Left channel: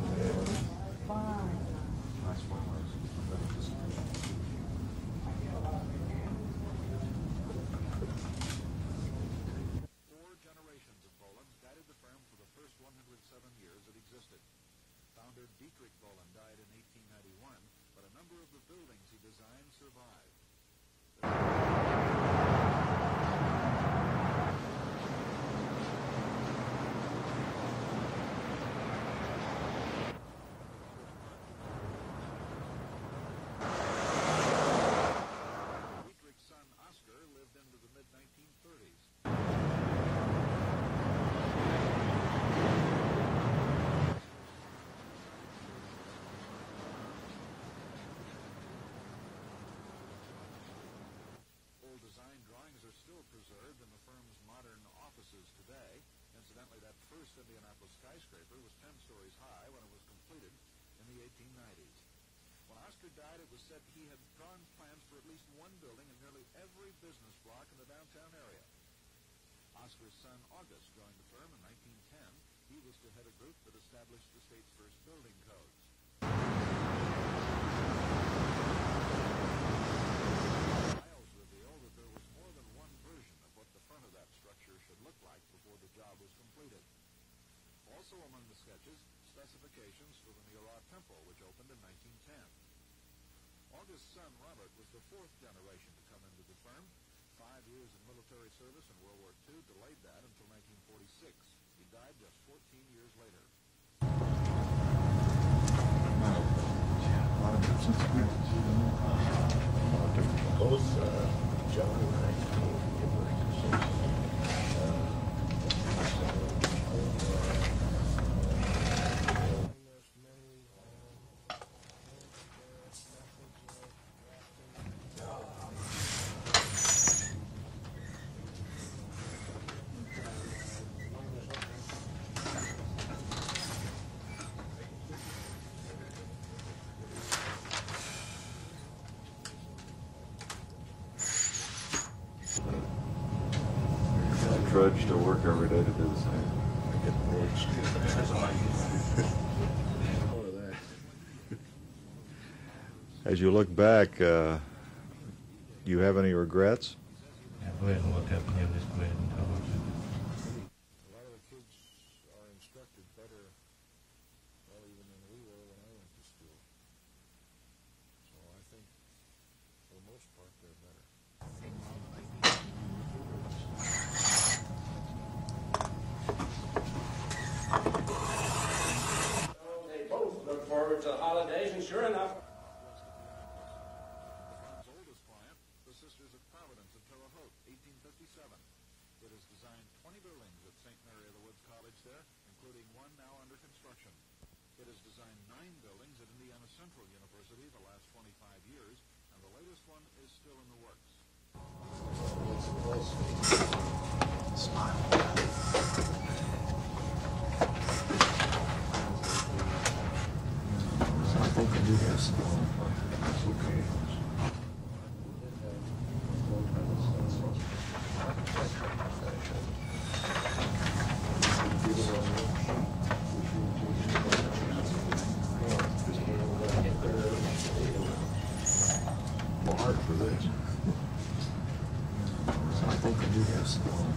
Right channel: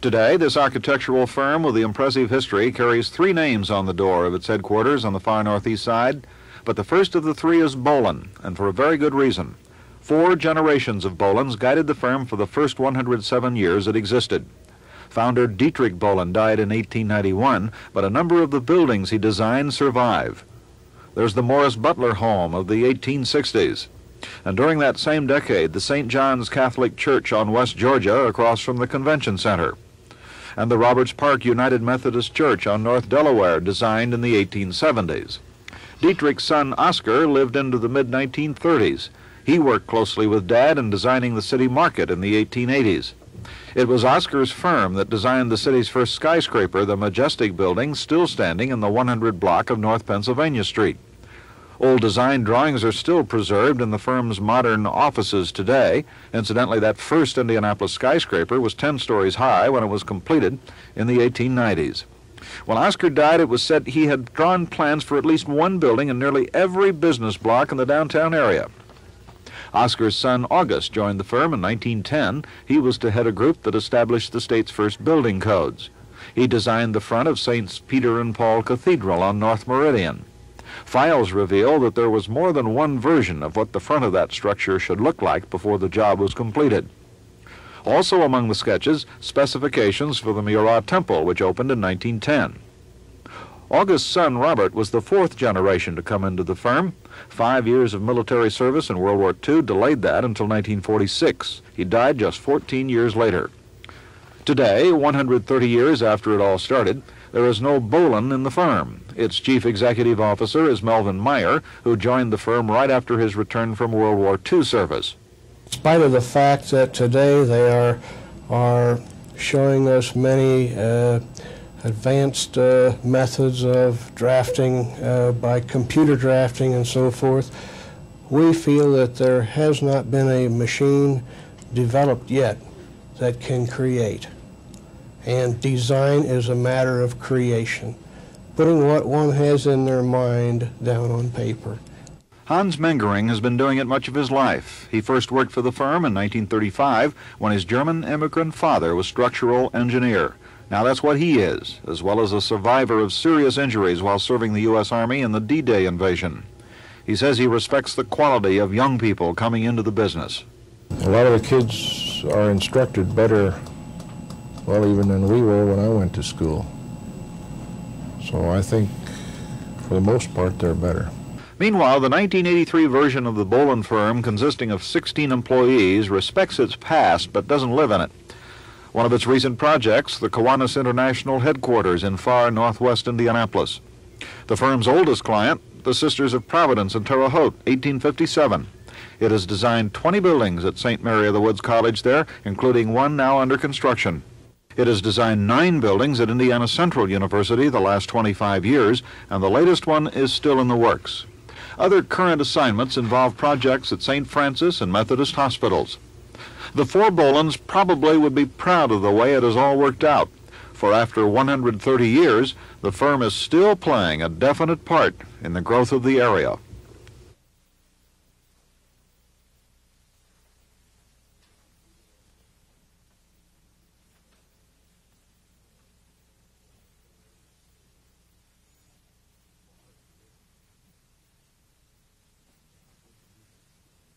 Today, this architectural firm with the impressive history carries 3 names on the door of its headquarters on the far northeast side, but the first of the 3 is Bolen, and for a very good reason. 4 generations of Bolens guided the firm for the first 107 years it existed. Founder Dietrich Bolen died in 1891, but a number of the buildings he designed survive. There's the Morris Butler home of the 1860s. And during that same decade, the St. John's Catholic Church on West Georgia across from the Convention Center. And the Roberts Park United Methodist Church on North Delaware, designed in the 1870s. Dietrich's son Oscar lived into the mid-1930s. He worked closely with Dad in designing the city market in the 1880s. It was Oscar's firm that designed the city's first skyscraper, the Majestic Building, still standing in the 100 block of North Pennsylvania Street. Old design drawings are still preserved in the firm's modern offices today. Incidentally, that first Indianapolis skyscraper was 10 stories high when it was completed in the 1890s. When Oscar died, it was said he had drawn plans for at least one building in nearly every business block in the downtown area. Oscar's son August joined the firm in 1910. He was to head a group that established the state's first building codes. He designed the front of St. Peter and Paul Cathedral on North Meridian. Files reveal that there was more than one version of what the front of that structure should look like before the job was completed. Also among the sketches, specifications for the Murat Temple, which opened in 1910. August's son Robert was the 4th generation to come into the firm. 5 years of military service in World War II delayed that until 1946. He died just 14 years later. Today, 130 years after it all started, there is no Bolen in the firm. Its chief executive officer is Melvin Meyer, who joined the firm right after his return from World War II service. In spite of the fact that today they are showing us many advanced methods of drafting by computer drafting and so forth, we feel that there has not been a machine developed yet that can create. And design is a matter of creation, putting what one has in their mind down on paper. Hans Mengering has been doing it much of his life. He first worked for the firm in 1935 when his German immigrant father was structural engineer. Now that's what he is, as well as a survivor of serious injuries while serving the U.S. Army in the D-Day invasion. He says he respects the quality of young people coming into the business. A lot of the kids are instructed better, well, even than we were when I went to school. So I think, for the most part, they're better. Meanwhile, the 1983 version of the Bolen firm, consisting of 16 employees, respects its past but doesn't live in it. One of its recent projects, the Kiwanis International Headquarters in far northwest Indianapolis. The firm's oldest client, the Sisters of Providence in Terre Haute, 1857. It has designed 20 buildings at St. Mary of the Woods College there, including one now under construction. It has designed 9 buildings at Indiana Central University the last 25 years, and the latest one is still in the works. Other current assignments involve projects at St. Francis and Methodist hospitals. The 4 Bolens probably would be proud of the way it has all worked out, for after 130 years, the firm is still playing a definite part in the growth of the area. For this. So I think I do have some.